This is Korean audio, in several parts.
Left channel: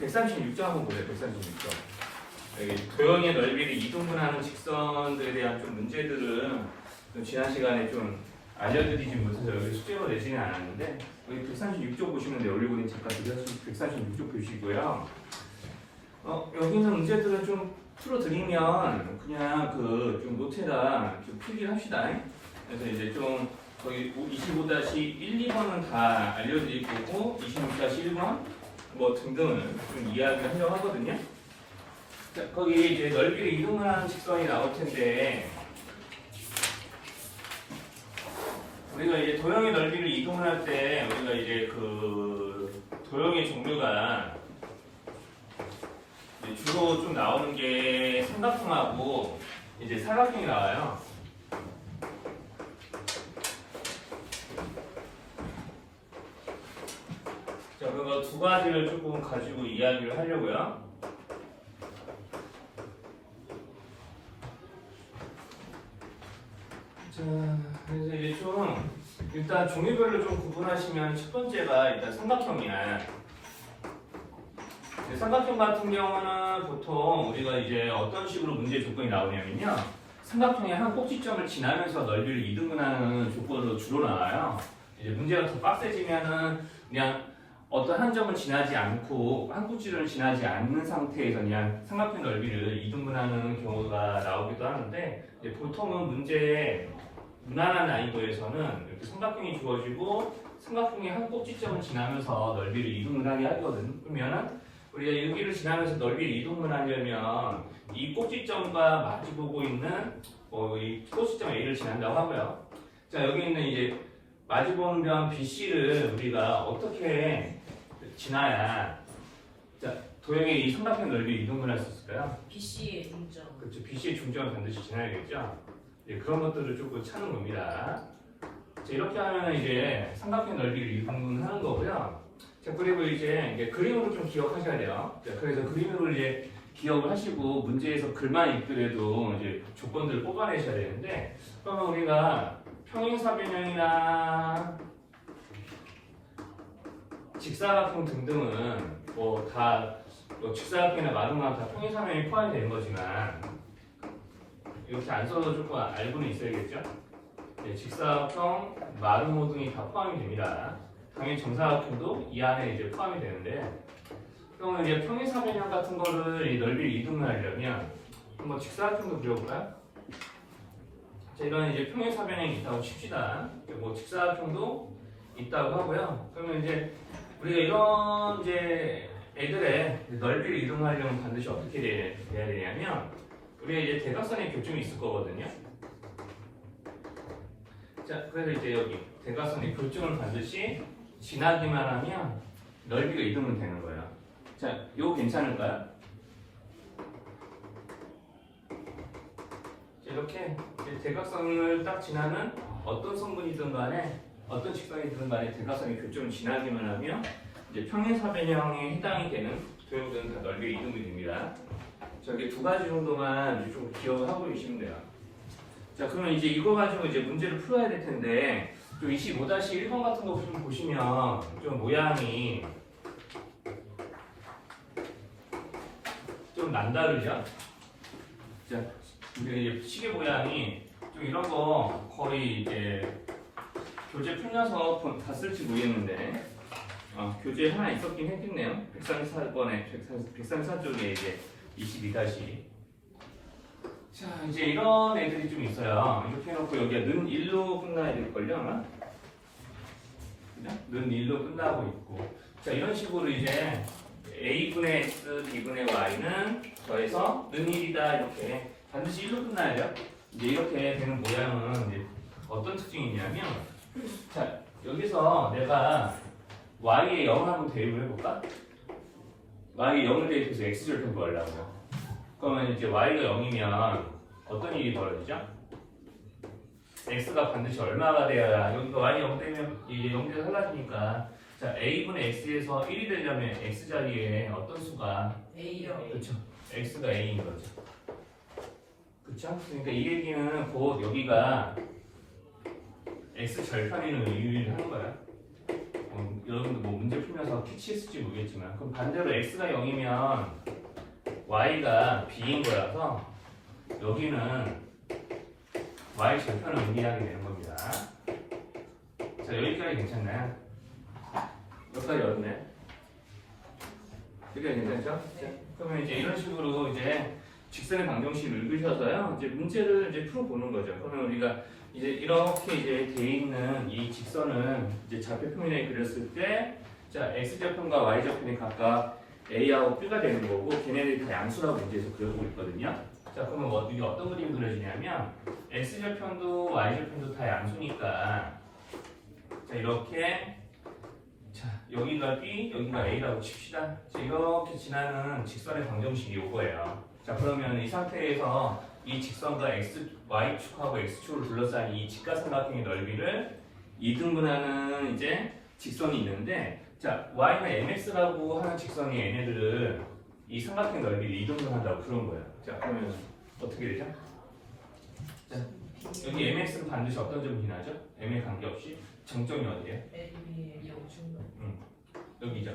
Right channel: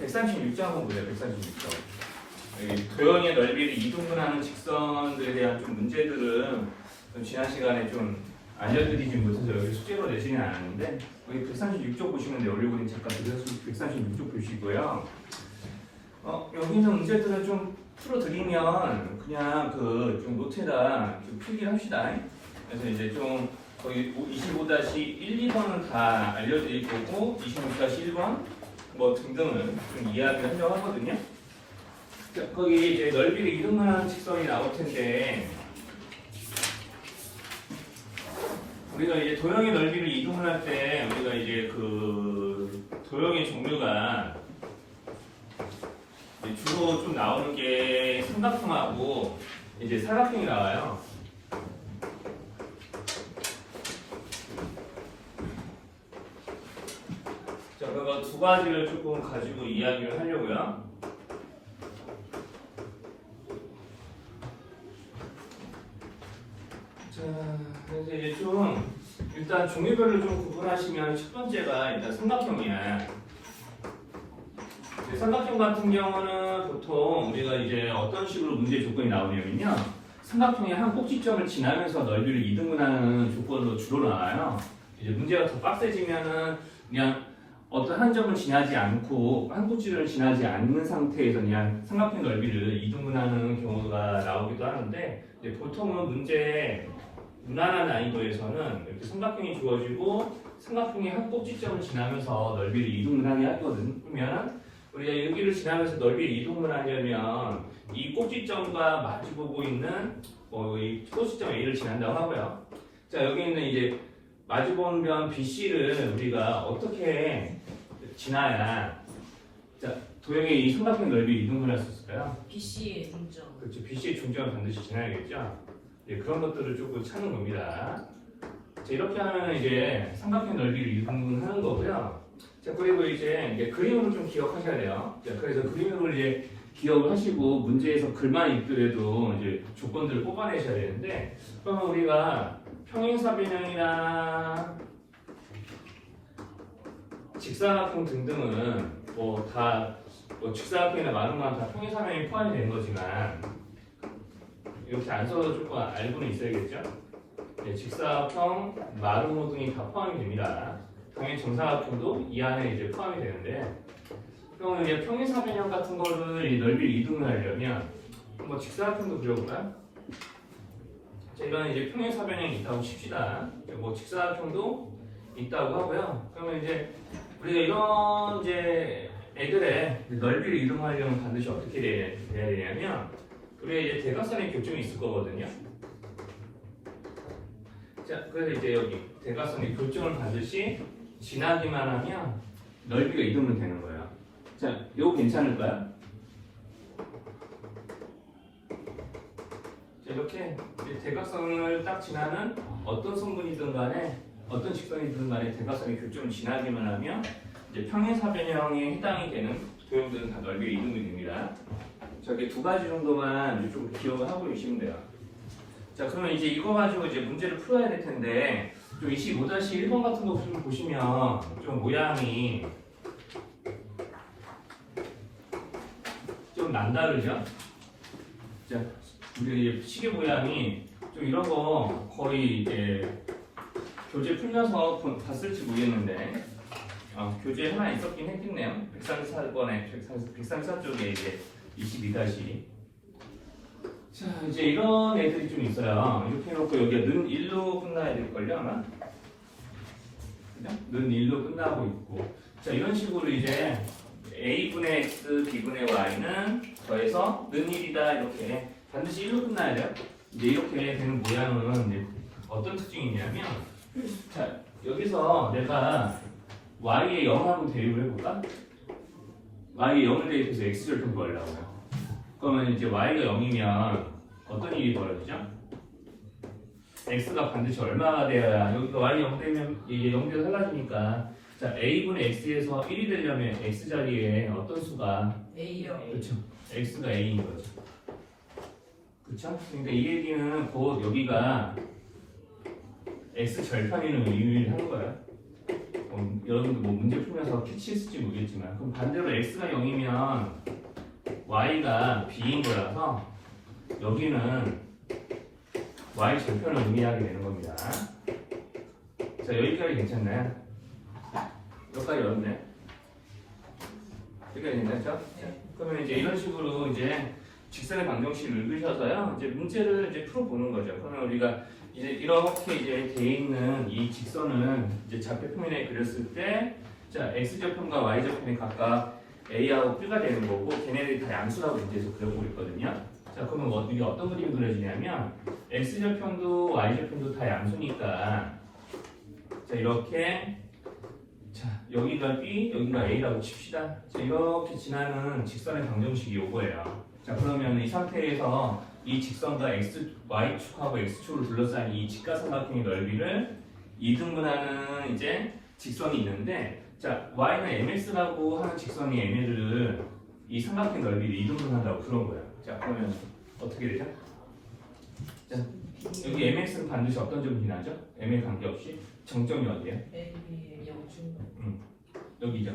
136점 한번 보세요. 136점. 여기 도형의 넓이를 이동분하는 직선들에 대한 좀 문제들은 좀 지난 시간에 좀 알려드리지 못해서 여기 숙제로 내지는 않았는데 여기 136쪽 보시면 돼요. 올리고는 잠깐 들려서 136쪽 보시고요. 어, 여기 있는 문제들을 좀 풀어드리면 그냥 그 좀 노트에다 좀 필기합시다. 그래서 이제 좀 거기 25-1, 2번은 다 알려드릴 거고 26-1번 뭐 등등을 좀 이야기하려고 하거든요. 자, 거기 이제 넓이를 이동하는 직선이 나올 텐데 우리가 이제 도형의 넓이를 이동할 때 우리가 이제 그 도형의 종류가 주로 좀 나오는 게 삼각형하고 이제 사각형이 나와요. 자, 그거 두 가지를 조금 가지고 이야기를 하려고요. 자, 그래서 이제 좀 일단 종류별로 좀 구분하시면 첫 번째가 일단 삼각형이야. 이제 삼각형 같은 경우는 보통 우리가 이제 어떤 식으로 문제 조건이 나오냐면요. 삼각형의 한 꼭지점을 지나면서 넓이를 이등분하는 조건으로 주로 나와요. 이제 문제가 더 빡세지면은 그냥 어떤 한 점을 지나지 않고 한 꼭지를 지나지 않는 상태에서 그냥 삼각형 넓이를 이등분하는 경우가 나오기도 하는데 보통은 문제 무난한 난이도에서는 이렇게 삼각형이 주어지고 삼각형의 한 꼭지점을 지나면서 넓이를 이동분하게 하거든. 그러면 우리가 여기를 지나면서 넓이를 이동분하려면 이 꼭지점과 마주보고 있는 뭐이 꼭지점 A를 지난다고 하고요. 자 여기 있는 이제 마주보는 면 BC를 우리가 어떻게 지나야 자 도형의 이 삼각형 넓이 이동분할 수 있을까요? BC의 중점. 그렇죠. BC의 중점을 반드시 지나야겠죠. 예, 그런 것들을 조금 찾는 겁니다. 자, 이렇게 하면 이제 삼각형 넓이를 이동하는 거고요. 자, 그리고 이제, 이제 그림으로 좀 기억하셔야 돼요. 자, 그래서 그림으로 이제 기억을 하시고 문제에서 글만 있더라도 이제 조건들을 뽑아내셔야 되는데 그러면 우리가 평행사변형이나 직사각형 등등은 뭐다 뭐 직사각형이나 마름만 다 평행사변형이 포함이 되는 거지만 이렇게 안 써도 조금 알고는 있어야겠죠? 네, 직사각형, 마름모 등이 다 포함이 됩니다. 당연히 정사각형도 이 안에 이제 포함이 되는데 그러면 이제 평행사변형 같은 거를 이 넓이를 이동하려면 뭐 직사각형도 그려볼까요? 자, 이런 이제 평행사변형이 있다고 칩시다. 뭐 직사각형도 있다고 하고요. 그러면 이제 우리가 이런 이제 애들의 넓이를 이동하려면 반드시 어떻게 돼야 되냐면 우리가 이제 대각선의 교점이 있을 거거든요. 자, 그래서 이제 여기 대각선의 교점을 반드시 지나기만 하면 넓이가 이동은 되는 거예요. 자, 이거 괜찮을까요? 이렇게 대각선을 딱 지나는 어떤 성분이든 간에 어떤 직선이든 간에 대각선의 교점을 지나기만 하면 이제 평행사변형에 해당이 되는 도형들은 다 넓이가 이동이 됩니다. 저기 두 가지 정도만 좀 기억을 하고 계시면 돼요. 자, 그러면 이제 이거 가지고 이제 문제를 풀어야 될 텐데, 좀 25-1번 같은 거 좀 보시면 좀 모양이 좀 남다르죠? 자, 이제 시계 모양이 좀 이런 거 거의 이제 교재 풀려서 봤을지 모르겠는데, 어, 교재 하나 있었긴 했겠네요. 134번에, 134 쪽에 이제 22다시. 자, 이제 이런 애들이 좀 있어요. 이렇게 해놓고 여기가 는 1로 끝나야 될걸요, 아마? 는 1로 끝나고 있고. 자, 이런 식으로 이제 a분의 x, b분의 y는 더해서 는 1이다, 이렇게. 반드시 1로 끝나야 돼요. 이제 이렇게 되는 모양은 이제 어떤 특징이 있냐면, 자, 여기서 내가 y에 0 한번 대입을 해볼까? y에 0을 대입해서 x절편 구하려고요. 그러면 이제 y가 0이면 어떤 일이 벌어지죠? x가 반드시 얼마가 되어야 여기가 y 0 되면 이게 0대 사라지니까 자 a분의 x에서 1이 되려면 x 자리에 어떤 수가 A요. 그렇죠 x가 a인 거죠 그렇죠? 그러니까 이 얘기는 곧 여기가 x 절편이는 의미를 하는 거예요 어, 여러분도 뭐 문제 풀면서 캐치했을지 모르겠지만 그럼 반대로 x가 0이면 y가 b인 거라서 여기는 y 절편을 의미하게 되는 겁니다. 자 여기까지 괜찮나요? 여기까지 어렵네. 여기까지 괜찮죠? 그러면 이제 이런 식으로 이제 직선의 방정식을 읽으셔서요. 이제 문제를 이제 풀어보는 거죠. 그러면 우리가 이제 이렇게 이제 돼 있는 이 직선을 이제 좌표 표면에 그렸을 때, 자 x 절편과 y 절편이 각각 a하고 b가 되는 거고, 걔네들이 다 양수라고 문제에서 그려보고 있거든요. 자 그러면 어, 이게 어떤 그림이 그려지냐면 x 절편도 y 절편도 다 양수니까, 자 이렇게 자 여기가 b, 여기가 a라고 칩시다. 자 이렇게 지나는 직선의 방정식이 요거예요. 자 그러면 이 상태에서 이 직선과 x, y축하고 x축을 둘러싼 이 직각삼각형의 넓이를 이등분하는 이제 직선이 있는데 자 y는 mx라고 하는 직선이 얘네들을 이 삼각형 넓이를 이등분한다고 그런 거예요. 자 그러면 어떻게 되죠? 자 여기 mx는 반드시 어떤 점이 지나죠? m에 관계없이 정점이 어디예요? A의 영중 여기죠.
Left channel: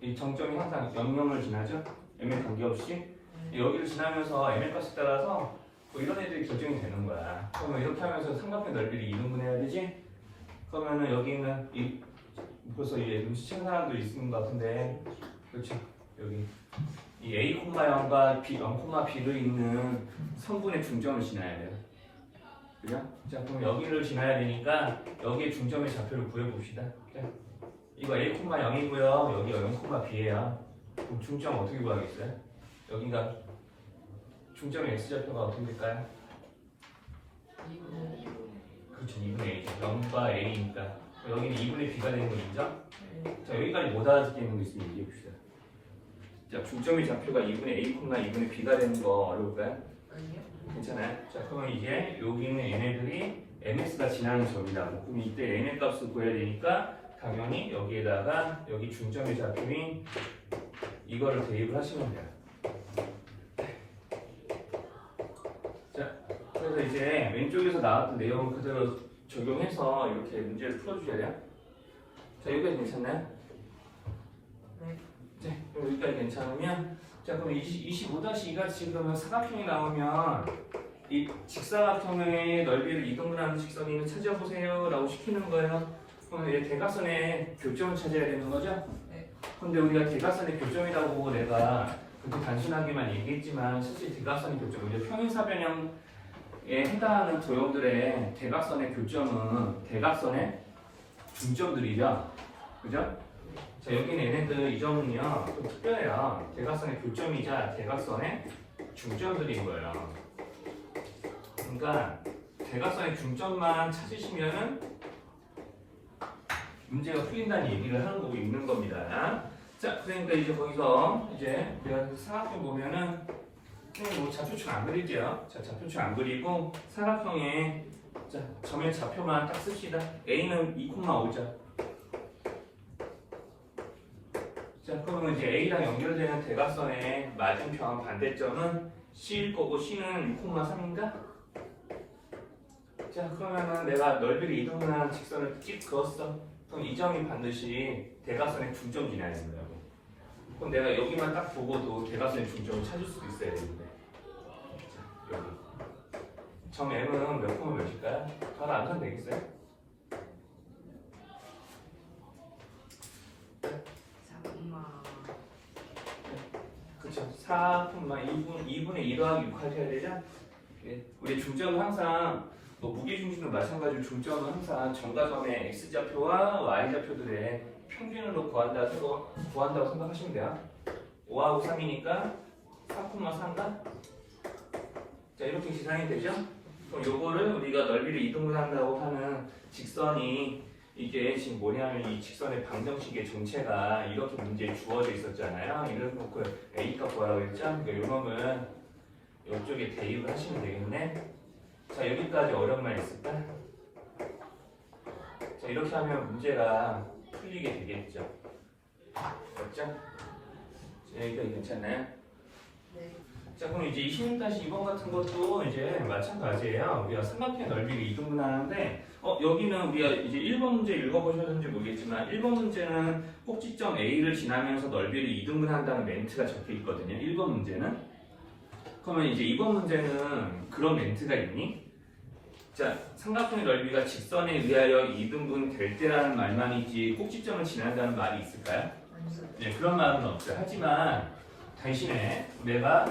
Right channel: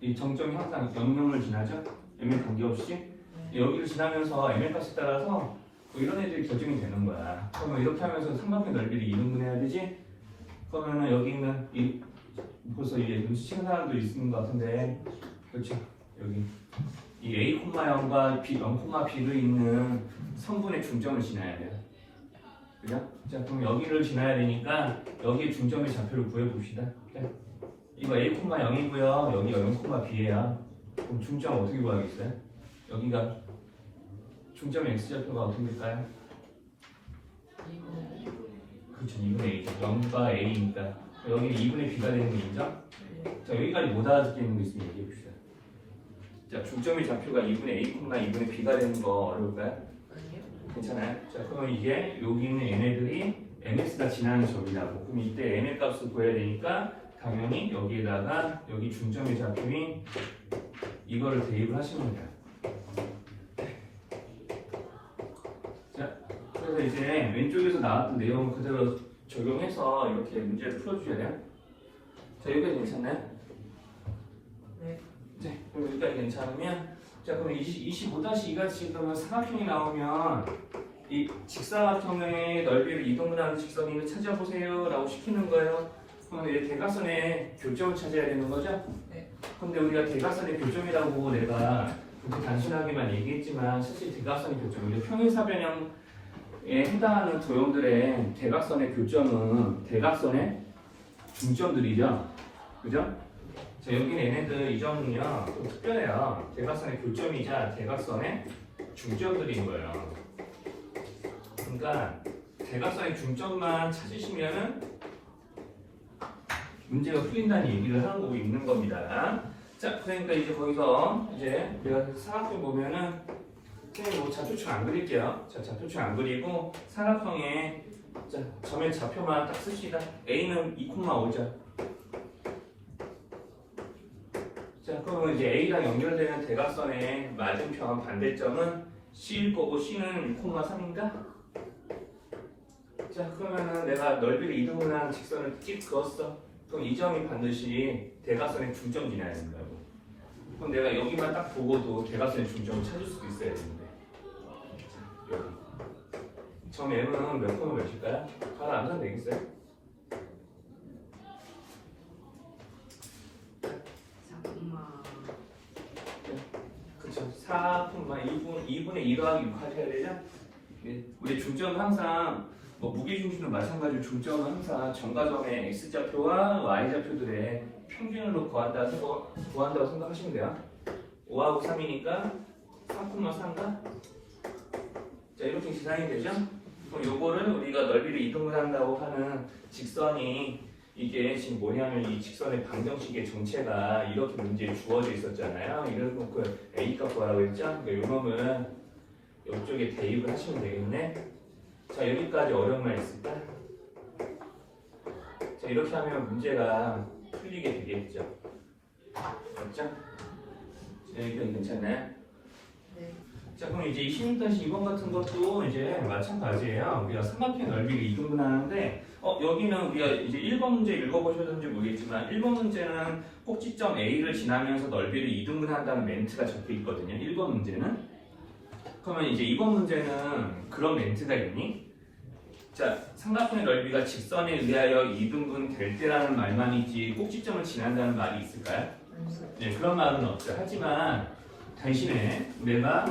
이 정점이 항상 영영을 지나죠? M에 관계없이 여기를 지나면서 m의 값에 따라서 뭐 이런 애들이 결정이 되는 거야. 그러면 이렇게 하면서 삼각형 넓이를 이등분 해야 되지? 그러면은 여기는 이 벌써 이게 눈치챈 사람도 있는 것 같은데 그렇죠? 여기 이 a, 0과 b, 0, b를 있는 성분의 중점을 지나야 돼요. 그죠? 자 그럼 여기를 지나야 되니까 여기에 중점의 좌표를 구해 봅시다. 네. 이거 a, 0이고요. 여기가 0, b예요. 그럼 중점 어떻게 구하겠어요? 여기가 중점의 x좌표가 어떻게 될까요? 그렇죠 2분의 A죠 0과 A니까 여기는 2분의 B가 되는 거 인정? 자 여기까지 못 알아듣겠는 거 있으면 얘기해 봅시다 자 중점의 좌표가 2분의 A, 2분의 B가 되는 거 어려울까요? 아니요? 괜찮아요? 자 그럼 이제 여기 있는 얘네들이 MX가 지나는 점이라고 그럼 이때 N의 값을 구해야 되니까 당연히 여기에다가 여기 중점의 좌표인 이거를 대입을 하시면 돼요 자 그래서 이제 왼쪽에서 나왔던 내용을 그대로 적용해서 이렇게 문제를 풀어주셔야 돼요 자 여기까지 괜찮나요? 네. 네, 여기까지 괜찮으면 자 그럼 25-2가 지금 삼각형이 나오면 이 직사각형의 넓이를 이동분하는 직선을 찾아보세요 라고 시키는 거예요 그럼 이제 대각선의 교점을 찾아야 되는 거죠? 네. 근데 우리가 대각선의 교점이라고 내가 그렇게 단순하게만 얘기했지만 사실 대각선의 교점 이제 평행사변형에 해당하는 도형들의 대각선의 교점은 대각선의 중점들이죠 그죠? 자 여기는 얘네들 이 점은요 좀 특별해요 대각선의 교점이자 대각선의 중점들인 거예요 그러니까 대각선의 중점만 찾으시면은 문제가 풀린다는 얘기를 하는 거고 있는 겁니다 자 그러니까 이제 거기서 이제 우리가 사각형 보면은 그냥 뭐 좌표축 안 그릴게요 자 좌표축 안 그리고 사각형에 자 점의 좌표만 딱 씁시다 A는 2,5죠 자, 그러면 이제 A랑 연결되는 대각선의 맞은편 반대점은 C일 거고 C는 6,3인가? 자, 그러면은 내가 넓이를 이동하는 직선을 찍 그었어. 그럼 이 점이 반드시 대각선의 중점 지나야 된다고. 그럼 내가 여기만 딱 보고도 대각선의 중점을 찾을 수도 있어야 되는데. 여기. 점 M은 몇 콤마 몇일까요? 바로 안 써도 되겠어요? 잠깐만 그쵸. 4, 2분, 2분의 1 더하기 6 하셔야 되죠? 네. 우리 중점은 항상, 뭐 무게중심도 마찬가지로 중점은 항상 정과점의 X좌표와 Y좌표들의 평균으로 구한다, 생각- 구한다고 생각하시면 돼요. 5하고 3이니까 3,3가? 자, 이렇게 계산이 되죠? 그럼 요거를 우리가 넓이를 이동분한다고 하는 직선이 이게 지금 뭐냐면 이 직선의 방정식의 전체가 이렇게 문제에 주어져 있었잖아요. 이걸 놓고 A 값 뭐라고 했죠? 그러니까 요 놈은 이쪽에 대입을 하시면 되겠네. 자 여기까지 어려운 말 있을까? 자 이렇게 하면 문제가 풀리게 되겠죠. 맞죠? 자, 여기까지 괜찮아요? 네 자 그럼 이제 26-2번 같은 것도 이제 마찬가지예요. 우리가 삼각형 넓이를 이등분하는데 어, 여기는 우리가 이제 1번 문제 읽어보셨는지 모르겠지만 1번 문제는 꼭지점 A를 지나면서 넓이를 이등분한다는 멘트가 적혀 있거든요. 1번 문제는 그러면 이제 2번 문제는 그런 멘트가 있니? 자 삼각형의 넓이가 직선에 의하여 이등분 될 때라는 말만 있지 꼭지점을 지난다는 말이 있을까요? 네, 그런 말은 없죠. 하지만 대신에 내가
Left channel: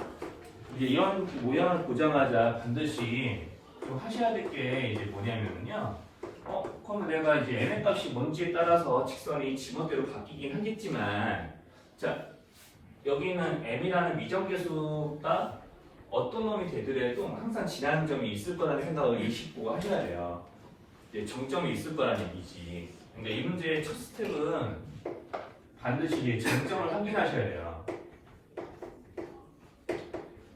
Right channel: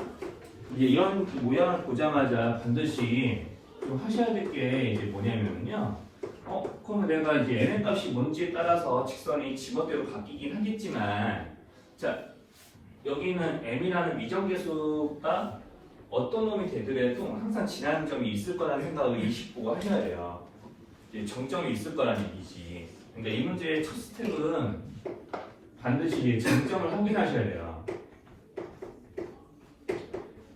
이제 이런 모양을 보자마자 반드시 좀 하셔야 될 게 이제 뭐냐면요. 어, 그럼 내가 이제 n의 값이 뭔지에 따라서 직선이 지멋대로 바뀌긴 하겠지만, 자, 여기는 m이라는 미정계수가 어떤 놈이 되더라도 항상 지나는 점이 있을 거라는 생각을 일식 보고 하셔야 돼요. 이제 정점이 있을 거라는 얘기지. 근데 이 문제의 첫 스텝은 반드시 정점을 확인하셔야 돼요.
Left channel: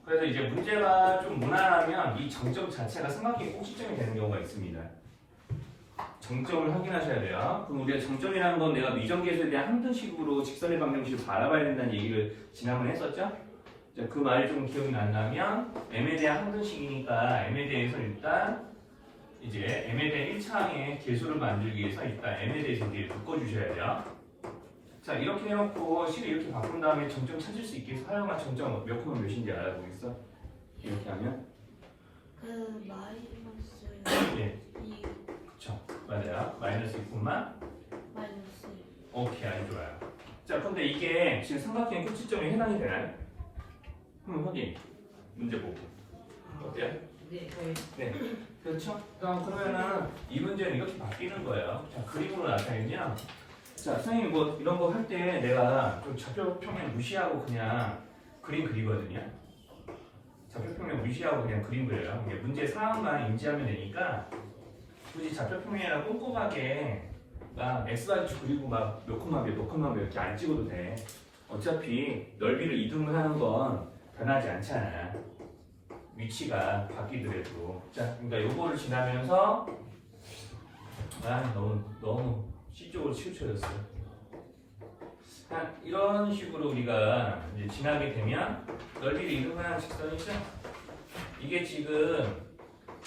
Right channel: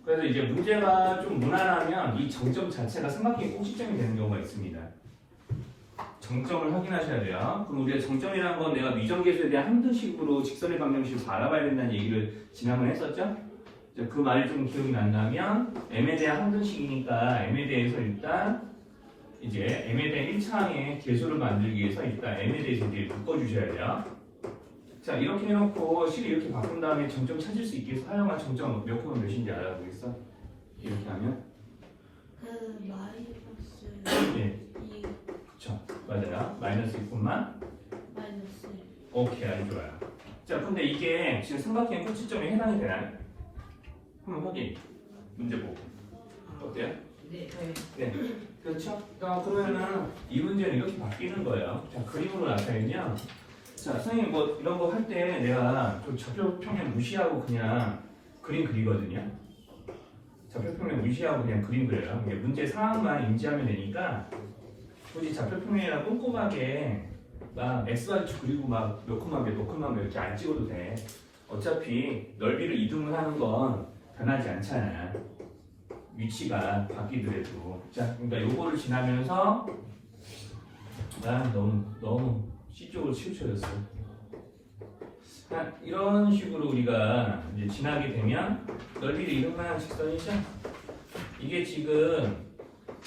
그래서 이제 문제가 좀 무난하면 이 정점 자체가 삼각형의 꼭지점이 되는 경우가 있습니다. 정점을 확인하셔야 돼요. 그럼 우리가 정점이라는 건 내가 미정계수에 대한 함등식으로 직선의 방정식을 바라봐야 된다는 얘기를 지난번에 했었죠? 이제 그 말이 좀 기억이 난다면 m에 대한 함등식이니까 m에 대해서 일단 이제 m에 대한 1차항의 계수를 만들기 위해서 일단 m에 대해서 이제 바꿔주셔야 돼요. 자 이렇게 해놓고 실을 이렇게 바꾼 다음에 정점 찾을 수 있게 사용한 정점 몇 콤마 몇인지 알아보겠어? 이렇게 하면? 그 마이너스 예, 2 그쵸. 맞아요. 마이너스 2콤마? 마이너스 오케이 아주 좋아요. 자 근데 이게 지금 삼각형의 꼭지점에 해당이 되나요? 한번 확인. 문제 보고. 어때요? 네. 네. 그렇죠? 어, 그러면은 이 문제는 이렇게 바뀌는 거예요. 자 그림으로 나타내면 자 선생님 뭐 이런 거 할 때 내가 좀 좌표 평면 무시하고 그냥 그림 그리거든요. 좌표 평면 무시하고 그냥 그림 그려요. 근데 문제 상황만 인지하면 되니까 굳이 좌표 평면이랑 꼼꼼하게 막 x좌표 그리고 몇몇 콤마 몇 이렇게 안 찍어도 돼. 어차피 넓이를 이동을 하는 건 변하지 않잖아요. 위치가 바뀌더라도. 자 그러니까 요거를 지나면서 아 너무 너무 C쪽으로 치우쳐졌어 한 이런 식으로 우리가 이제 지나게 되면 넓이를 이동하는 직선이죠? 이게 지금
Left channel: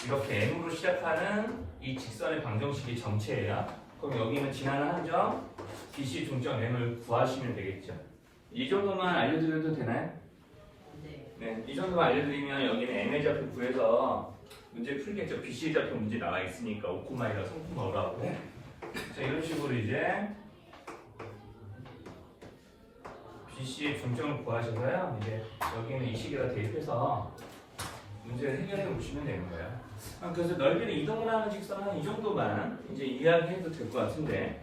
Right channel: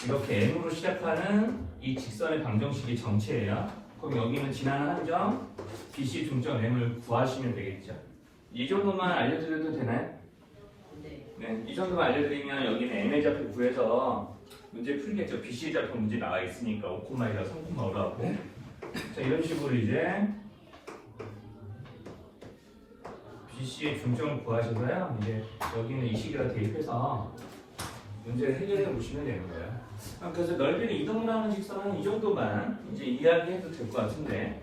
이렇게 M으로 시작하는 이 직선의 방정식의 전체예요. 그럼 여기는 지나는 한 점 BC 중점 M을 구하시면 되겠죠. 이 정도만 알려드려도 되나요? 네. 네, 이 정도만 알려드리면 여기는 ML 좌표 구해서 문제 풀겠죠. BC 좌표 문제 나와 있으니까 5콤마이라 3콤마 오라고. 자, 이런 식으로 이제 BC의 중점을 구하셔서요. 이제 여기는 이 식에다 대입해서 문제를 해결해 보시면 되는 거예요. 아, 그래서 넓이를 이동을 하는 직선은 이 정도만 이제 이야기해도 될 것 같은데